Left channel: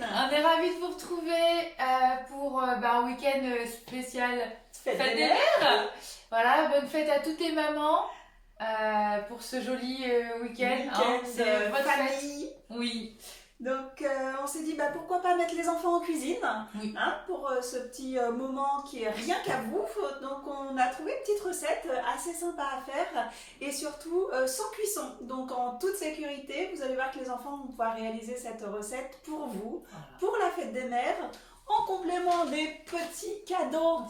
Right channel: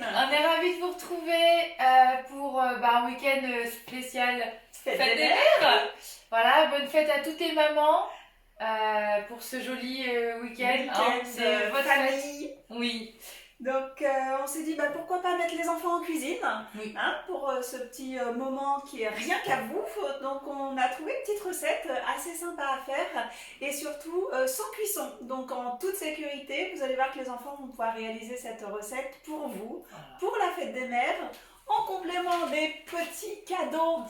Sandrine. On est ravis de vous retrouver pour un week-end spécial Fête Fête des Mères. Voilà, bonne fête à toutes les mamans pour ce joli week-end. C'est votre famille. Oui. Donc on s'est dit pourquoi pas mettre les enfants en cuisine, Oui. pour ce petit moment qui est rien qu'à vous. Donc on a trouvé une petite recette assez sympa à faire et surtout sans cuisson. Donc en toute sécurité, vous allez voir que les enfants vont pouvoir réaliser cette recette pour vous, pour la fête des mères, en complément des petits cadeaux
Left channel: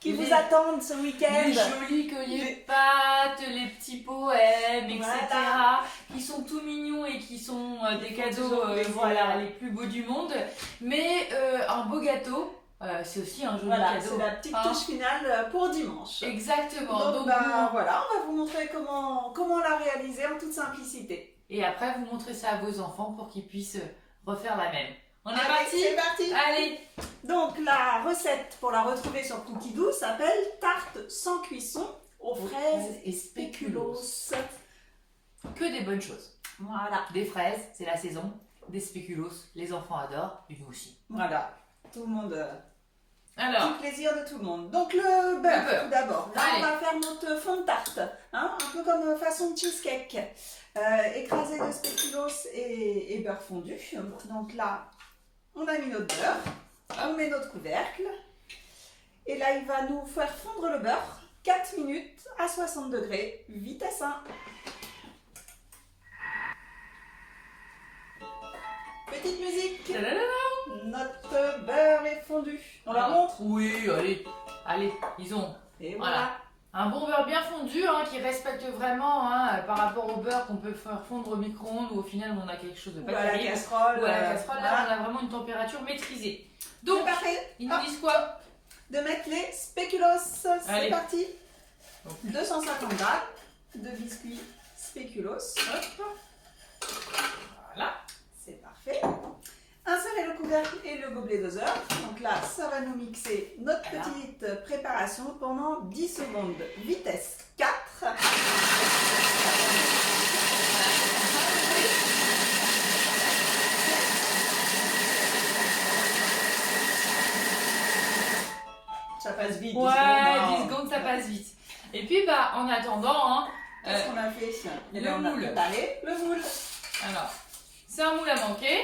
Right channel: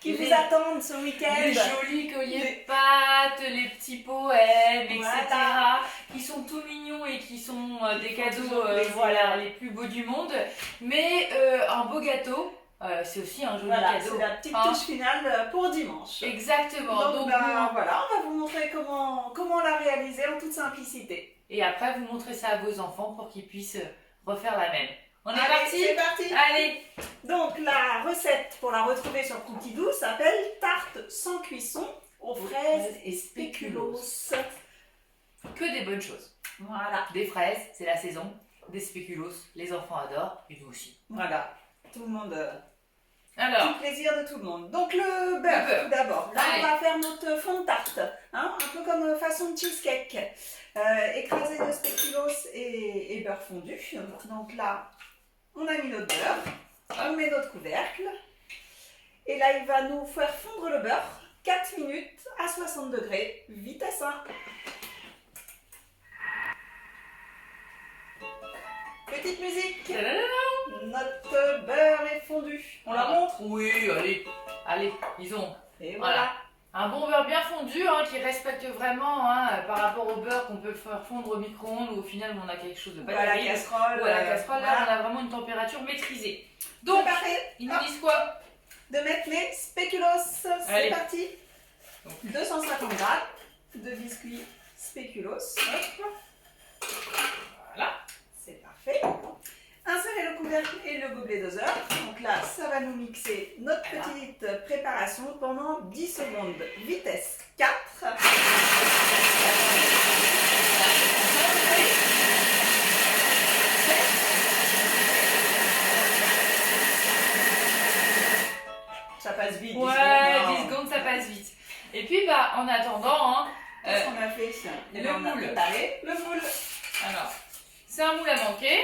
qui vous attendent ce week-end. Les jolis colliers de pâtes, les petits poèmes, etc. Voilà. Qui sont tout mignons et qui sont des cadeaux les plus beaux du monde. Mais un beau gâteau, c'est aussi un joli cadeau. C'est la petite touche finale pour dimanche. Exactement. Donc voilà, on va vous montrer comment la réaliser en toute simplicité. Et après, vous montrez ça à vos enfants pour qu'ils puissent refaire la même. On est Allez, parti? C'est parti. Allez. Donc la recette pour la retrouver sur Cookidoo s'appelle tarte sans cuisson aux fraises et spéculoos. Que des bonnes choses. Voilà. Des fraises, c'est la saison. Des spéculoos, les enfants adorent et nous aussi. Voilà. Tout le monde. Alors, Tout plaisir de tout le monde. Donc le beurre, tout d'abord. Là, Allez. on va faire notre fond de tarte, un peu comme façon cheesecake. Écrasé de spéculoos et beurre fondu. Donc là, on a mis notre beurre, on met notre couvercle. Et là, il va nous faire fondre le beurre 4 minutes à 60 degrés, vitesse 1. Petite musique. Notre beurre est fondu. On la montre? Oui, allez, ils ont. Et voilà. Un bon beurre bien fondu qui respecte vraiment par rapport au beurre qu'on peut faire fondre au micro-ondes ou au final on a quelque chose de pas Ou à la terrible. casserole. Ou à la casserole, là on a vraiment une température maîtrisée. Donc, c'est parfait. ils nous disent quoi? De mettre les spéculoos. C'est Allez. parti. Donc. 250 grammes de biscuits spéculoos. Voilà. C'est parfait. Insérez le couvercle et le gobelet doseur. Donc là, ça va nous mixer notre petite préparation pendant 10 secondes. Vitesse 4. Ça passe vite. 10 Ouais, secondes, 10 secondes ça passe vite. Et puis en attendant, qu'est-ce qu'on a fait? le Et là, on a moule. préparé le moule. alors, c'est un moule à manquer.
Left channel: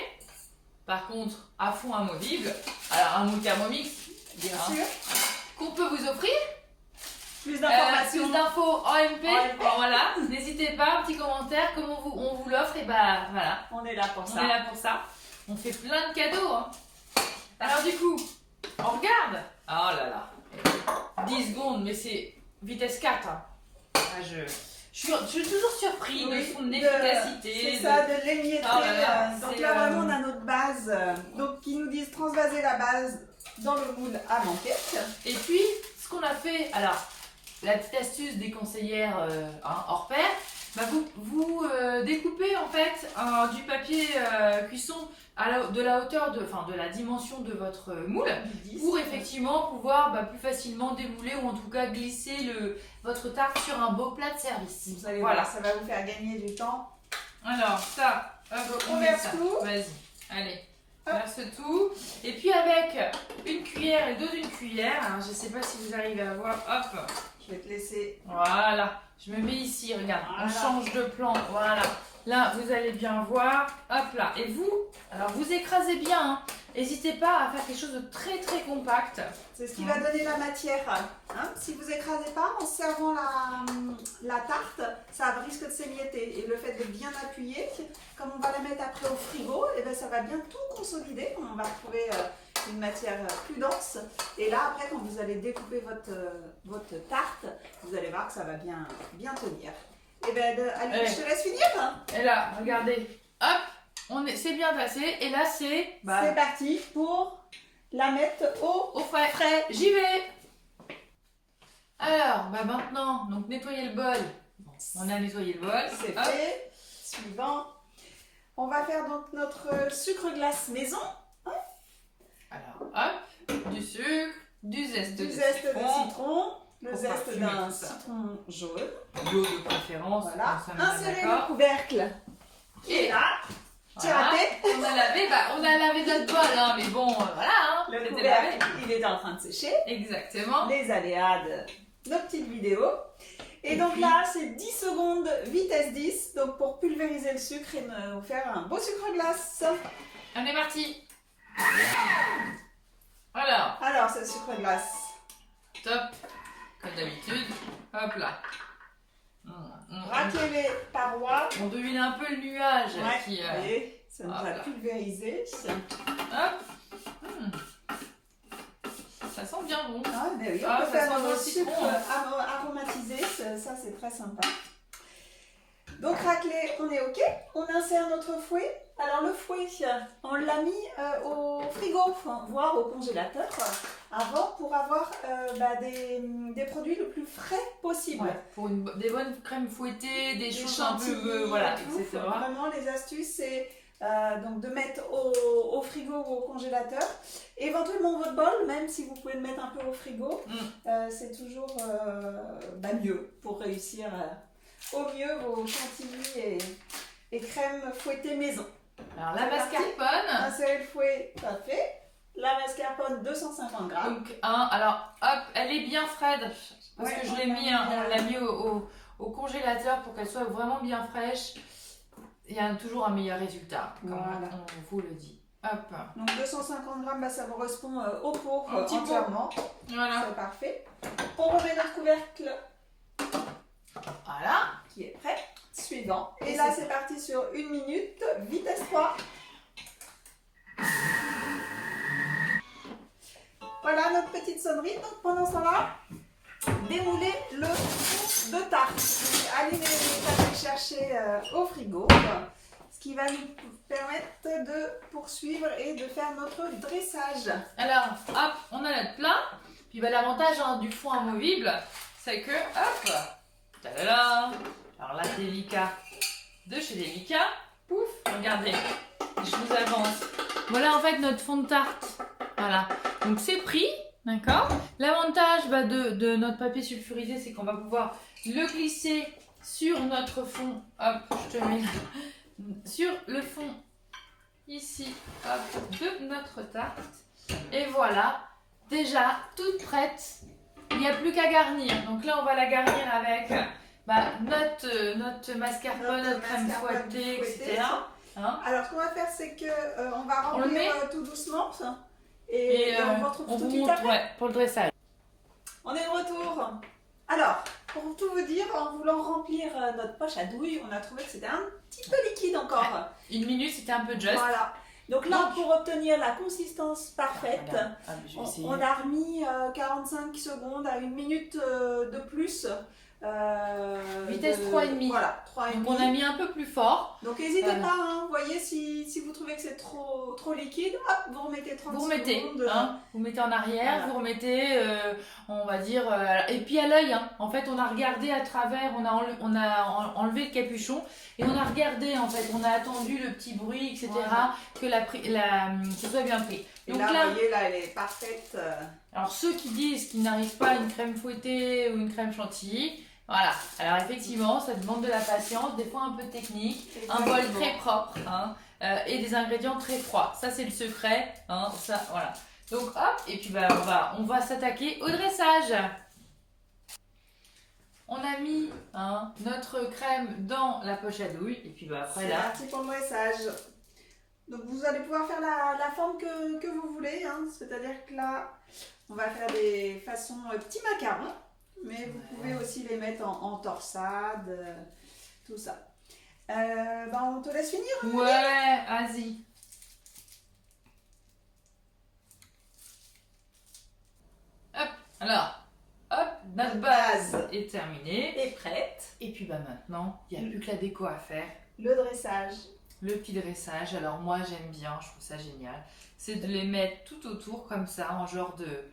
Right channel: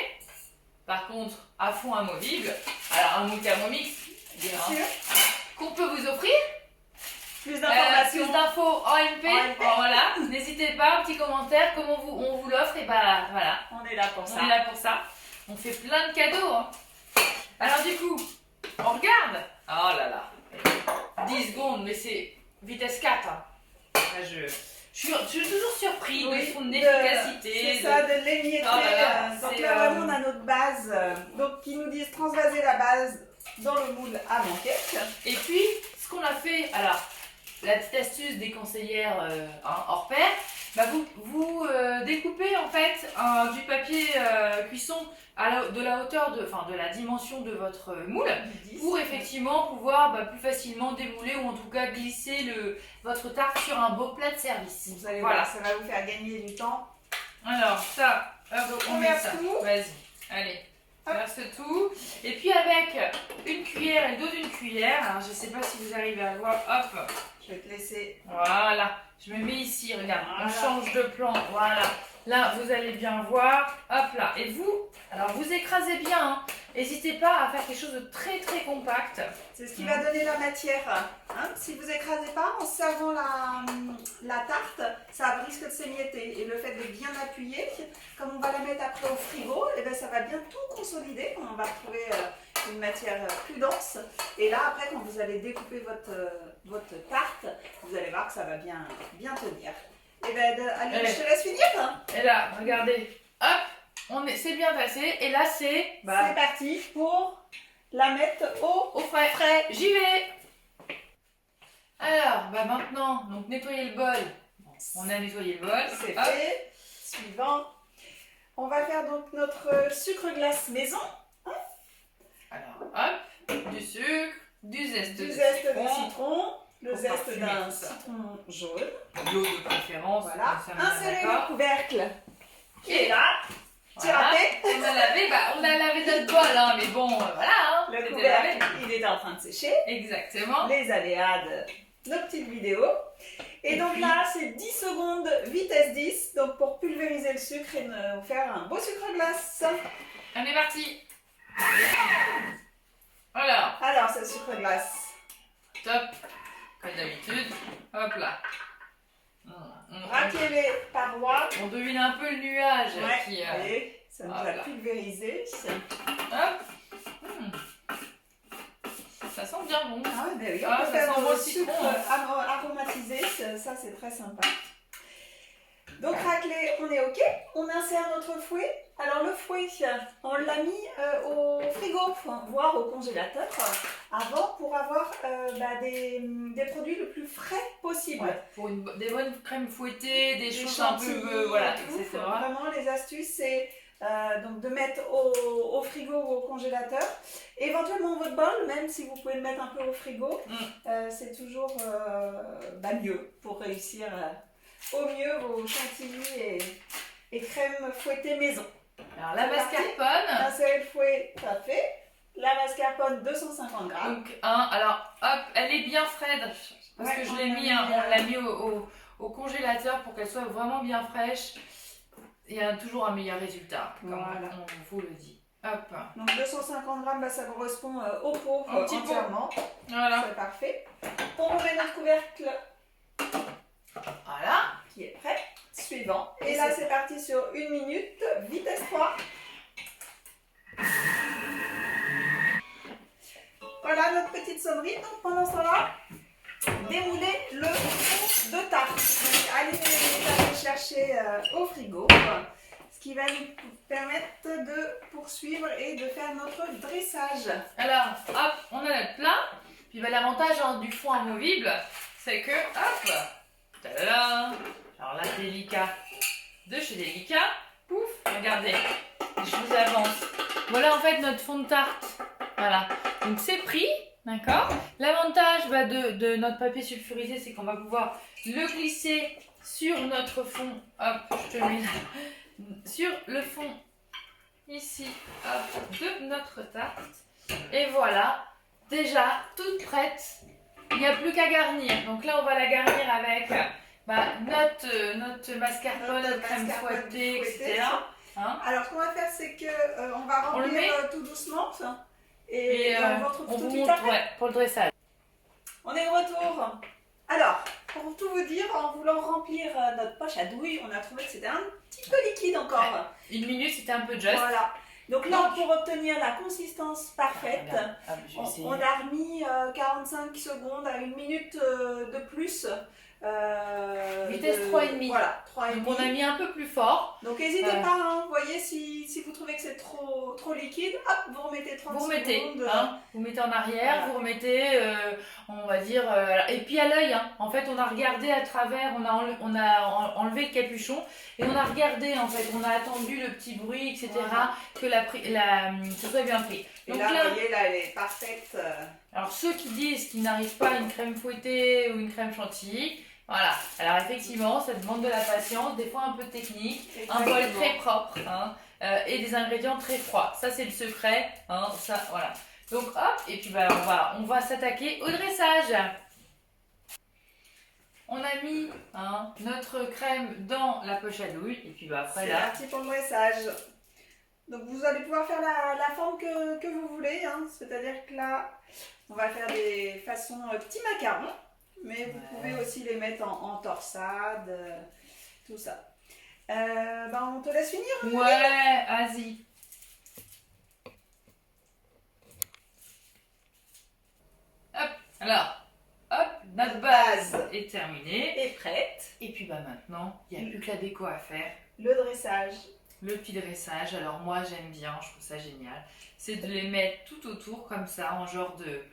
Par contre, à fond amovible. Alors un moule Thermomix, Bien sûr. qu'on peut vous offrir. Plus d'informations. Plus d'infos en MP. En MP. Voilà, n'hésitez pas, un petit commentaire, comment on vous l'offre, et voilà, On est là pour ça. on est là pour ça. On fait plein de cadeaux. Alors du coup, on regarde. Oh là là, 10 secondes, mais c'est vitesse 4. Je suis toujours surpris de son efficacité. C'est ça, de l'émietter. Oh là là, donc c'est, là, vraiment, on a notre base. Donc, qui nous disent transvaser la base dans le moule à manquette. Et puis, ce qu'on a fait, alors, la petite astuce des conseillères hors pair, vous découpez en fait du papier cuisson de la hauteur de la dimension de votre moule pour effectivement pouvoir plus facilement démouler ou en tout cas glisser votre tarte sur un beau plat de service. Vous allez voir, ça va vous faire gagner du temps. Alors, ça, hop, On met verse ça. tout. Vas-y, allez. Hop. Verse tout. Et puis avec une cuillère et le dos d'une cuillère, alors je sais pas si vous arrivez à voir, hop, Je vais te laisser. voilà, je me mets ici, regarde, Voilà. on change de plan, voilà. Là, vous allez bien voir, hop là. Et vous, alors vous écrasez bien, n'hésitez pas à faire quelque chose de très très compact. C'est ce qui va donner la matière. Si vous écrasez pas en servant la tarte, ça risque de s'émietter. Et le fait de bien appuyer, comme on va la mettre après au frigo, ça va bien tout consolider. On va retrouver une matière plus dense. Et là, après, quand vous allez découper votre tarte, vous allez voir que ça va bien tenir. Allez, je te laisse finir. Et là, regardez, hop, c'est bien passé. Et là, c'est C'est parti pour la mettre au frais. J'y vais. Alors, maintenant, donc nettoyer le bol. Bon, on a nettoyé le bol. C'est Hop. fait. Suivant. On va faire donc notre sucre glace maison. Alors, hop, du sucre, du zeste Du de zeste de citron, citron, le pour zeste parfumer d'un tout ça. citron jaune. l'eau de préférence. Voilà. comme ça, on est Insérez d'accord. le couvercle qui est là. J'ai Voilà. raté. On a lavé notre bol, hein, mais bon, voilà, hein, Le c'était couvercle, lavé. il est en train de sécher. Exactement. Les aléas de nos petites vidéos. Et donc puis- là, c'est 10 secondes vitesse 10, donc pour pulvériser le sucre et nous faire un beau sucre glace. On est parti. Alors, Alors, c'est le sucre glace. top, comme d'habitude. Hop là. Raclez les parois. On devine un peu le nuage Ouais, qui. vous voyez, ça nous hop a là. pulvérisé. Hop. Ça sent bien bon. Ah, ben oui, on Ah, peut ça faire sent le bon le sucre citron, hein. aromatisé, ça c'est très sympa. Donc raclé, on est ok. On insère notre fouet. Alors le fouet, on l'a mis au frigo, voire au congélateur, avant pour avoir des produits le plus frais possible. Ouais, pour des bonnes crèmes fouettées, des choses un chantilly, peu. Voilà, et tout. etc. Vraiment, les astuces, c'est donc de mettre au frigo ou au congélateur. Éventuellement votre bol, même si vous pouvez le mettre un peu au frigo, c'est toujours mieux pour réussir au mieux vos chantilly et crèmes fouettées maison. Alors la C'est parti. mascarpone. Insérer le fouet, pas fait. La mascarpone, 250 grammes. Donc, alors, hop, elle est bien fraîche. Parce Ouais, que je on l'ai l'a mis, mis, on l'a mis au congélateur pour qu'elle soit vraiment bien fraîche. Il y a toujours un meilleur résultat, comme Voilà. on vous le dit. Hop, Donc 250 grammes, ça correspond au pot Un petit pot. entièrement. voilà. C'est parfait. On remet notre couvercle Voilà. qui est prêt. Suivant. Et Et là, c'est c'est parti sur 1 minute, vitesse 3. Voilà notre petite sonnerie. Donc pendant ce temps-là, démoulez le fond de tarte. Donc, allez le chercher au frigo. Ce qui va nous permettre de poursuivre et de faire notre dressage. Alors, hop, on a notre plat. Puis bah, l'avantage du fond amovible, c'est que, hop, tadada, alors là, Delica, de chez Delica, pouf, regardez, je vous avance. Voilà en fait notre fond de tarte. Voilà, donc c'est pris, d'accord. L'avantage de notre papier sulfurisé, c'est qu'on va pouvoir le glisser sur notre fond. Hop, je te le mets là. Sur le fond, ici, hop, de notre tarte. Et voilà, déjà toute prête. Il n'y a plus qu'à garnir. Donc là, on va la garnir avec notre mascarpone, Notre crème mascarpone fouettée, fouettée, etc. Hein? Alors, ce qu'on va faire, c'est que on va On le met remplir tout doucement. Et on vous retrouve on tout de vous suite montre après. pour le dressage. On est de retour. Alors, pour tout vous dire, en voulant remplir notre poche à douille, on a trouvé que c'était un petit peu liquide encore. Une minute, c'était un peu juste. Voilà. Donc là, pour obtenir la consistance parfaite, Regarde. Hop, je vais essayer. on a remis 45 secondes à 1 minute de plus. Vitesse 3,5. Voilà, 3,5. Donc on a mis un peu plus fort. Donc n'hésitez pas, hein, vous voyez, si vous trouvez que c'est trop liquide, hop, vous remettez 30 Vous remettez, secondes. vous mettez en arrière, Voilà. vous remettez, on va dire, et puis à l'œil, en fait on a regardé à travers, on a enlevé le capuchon et on a regardé en fait, on a attendu le petit bruit, etc. Voilà. Que ce soit bien pris. Et Donc là, là, vous voyez, là, elle est parfaite. alors ceux qui disent qu'ils n'arrivent pas à une crème fouettée ou une crème chantilly, voilà. Alors effectivement, ça demande de la patience, des fois un peu de technique, un bol Exactement. très propre et des ingrédients très froids. Ça c'est le secret, ça voilà. Donc hop, et puis on va s'attaquer au dressage. On a mis notre crème dans la poche à douille et puis après C'est là. parti pour le dressage. Donc vous allez pouvoir faire la forme que vous voulez, hein. C'est-à-dire que là, on va faire des façons petits macarons, mais vous pouvez aussi les mettre en torsade, tout ça. On te laisse finir. Hein, Ouais, vas-y. Hop, alors, hop, notre base est terminée. et prête. Et puis maintenant, il n'y a plus que la déco à faire. Le dressage. Le petit dressage, alors moi j'aime bien, je trouve ça génial. C'est de les mettre tout autour comme ça, en genre de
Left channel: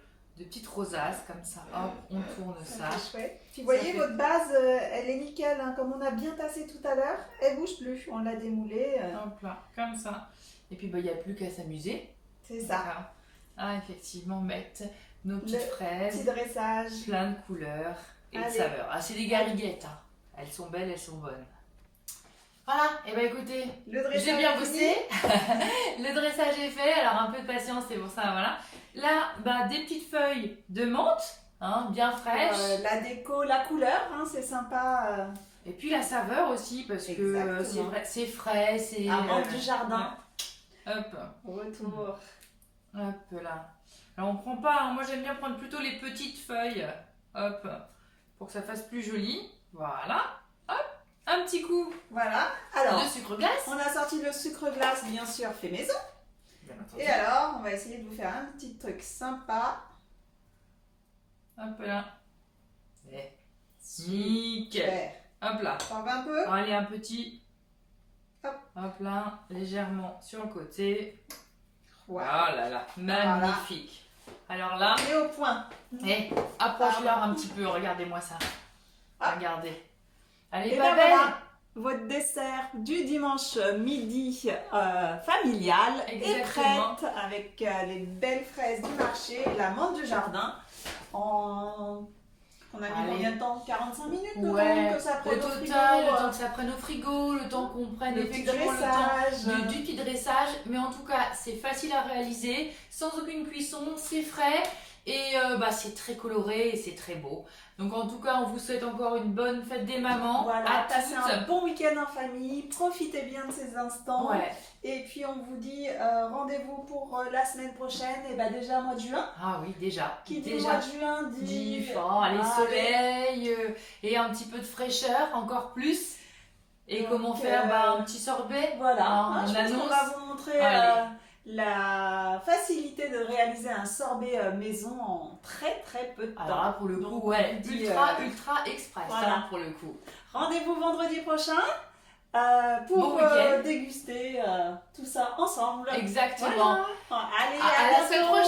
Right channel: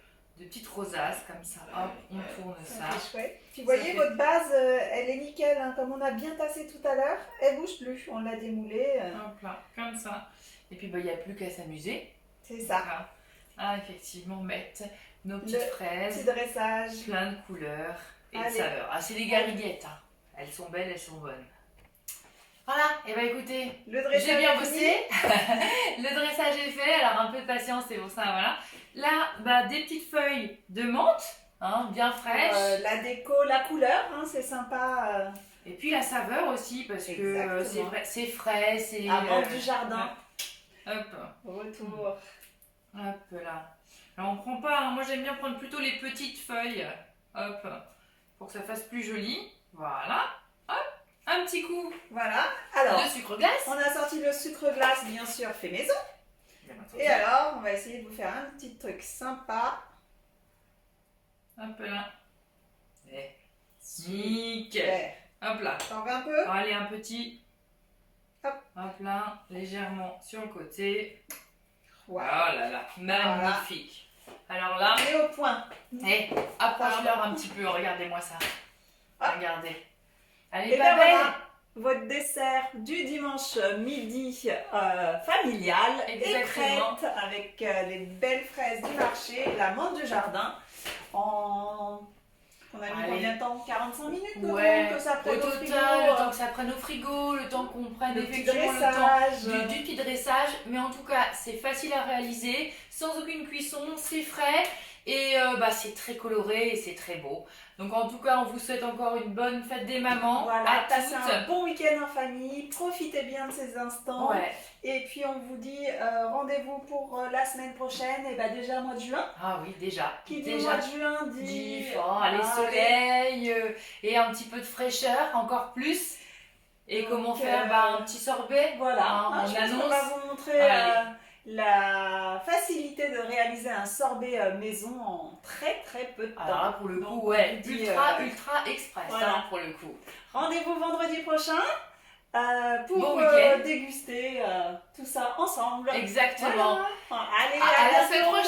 petites rosaces, comme ça. Hop, on tourne ça. C'est chouette. Puis vous voyez, fait- votre base, elle est nickel, hein. Comme on a bien tassé tout à l'heure, elle bouge plus. On l'a démoulée. Hop là, comme ça. Et puis il n'y a plus qu'à s'amuser. C'est ça. Voilà. Ah, effectivement, mettre nos petites Le fraises. Petit dressage. Plein de couleurs et de Allez. saveurs. Ah, c'est des gariguettes. Elles sont belles, elles sont bonnes. Voilà, et bah écoutez, Le dressage j'ai bien est bossé. Le dressage est fait, alors un peu de patience, c'est pour ça, voilà. Là, bah, des petites feuilles de menthe, hein, bien fraîches. La déco, la couleur, hein, c'est sympa. Et puis la saveur aussi, parce que Exactement. c'est frais, c'est... La menthe du jardin. ouais. Hop, Retour. hop là. Alors on prend pas, hein, moi j'aime bien prendre plutôt les petites feuilles. Hop, pour que ça fasse plus joli. Voilà. Hop, un petit coup Voilà. Alors, de sucre glace. on a sorti le sucre glace, bien sûr, fait maison. Bien entendu. Et alors, on va essayer de vous faire un petit truc sympa. Hop là. Et nickel. Super. Hop là. T'en veux un peu? Bon, allez, un petit. Hop. Hop là, légèrement sur le côté. Wow. Oh là là, magnifique. Alors là, Et au point. approche-leur un petit peu, regardez-moi ça. Ah. Regardez. Elle est Et pas ben belle? voilà, votre dessert du dimanche midi familial Exactement. est prête avec des belles fraises du marché, la menthe du jardin. On a mis Allez. combien de temps? 45 minutes le Ouais, temps que ça au prenne total, frigo, le temps que ça prenne au frigo, le temps qu'on prenne le petit effectivement le temps dressage. du petit dressage, mais en tout cas c'est facile à réaliser, sans aucune cuisson, c'est frais et bah, c'est très coloré et c'est très beau. Donc en tout cas on vous souhaite encore une bonne fête des mamans Voilà, à passez toutes. un bon week-end en famille, profitez bien de ces instants. Ouais. Et puis on vous dit rendez-vous pour la semaine prochaine, et bah déjà mois de juin. Ah oui, déjà. Qui dit déjà. mois de juin dit Allez, soleil et un petit peu de fraîcheur, encore plus. Et Donc, comment faire bah, un petit sorbet. Voilà, Hein, je on pense qu'on annonce. va vous montrer Allez. la facilité de réaliser un sorbet maison en très très peu de temps. Alors là, pour le coup, Donc, ouais, on dit, ultra express, voilà. hein, pour le coup. Rendez-vous vendredi prochain pour Bon week-end. déguster tout ça ensemble. Exactement. Voilà. Allez, À la bientôt. semaine prochaine.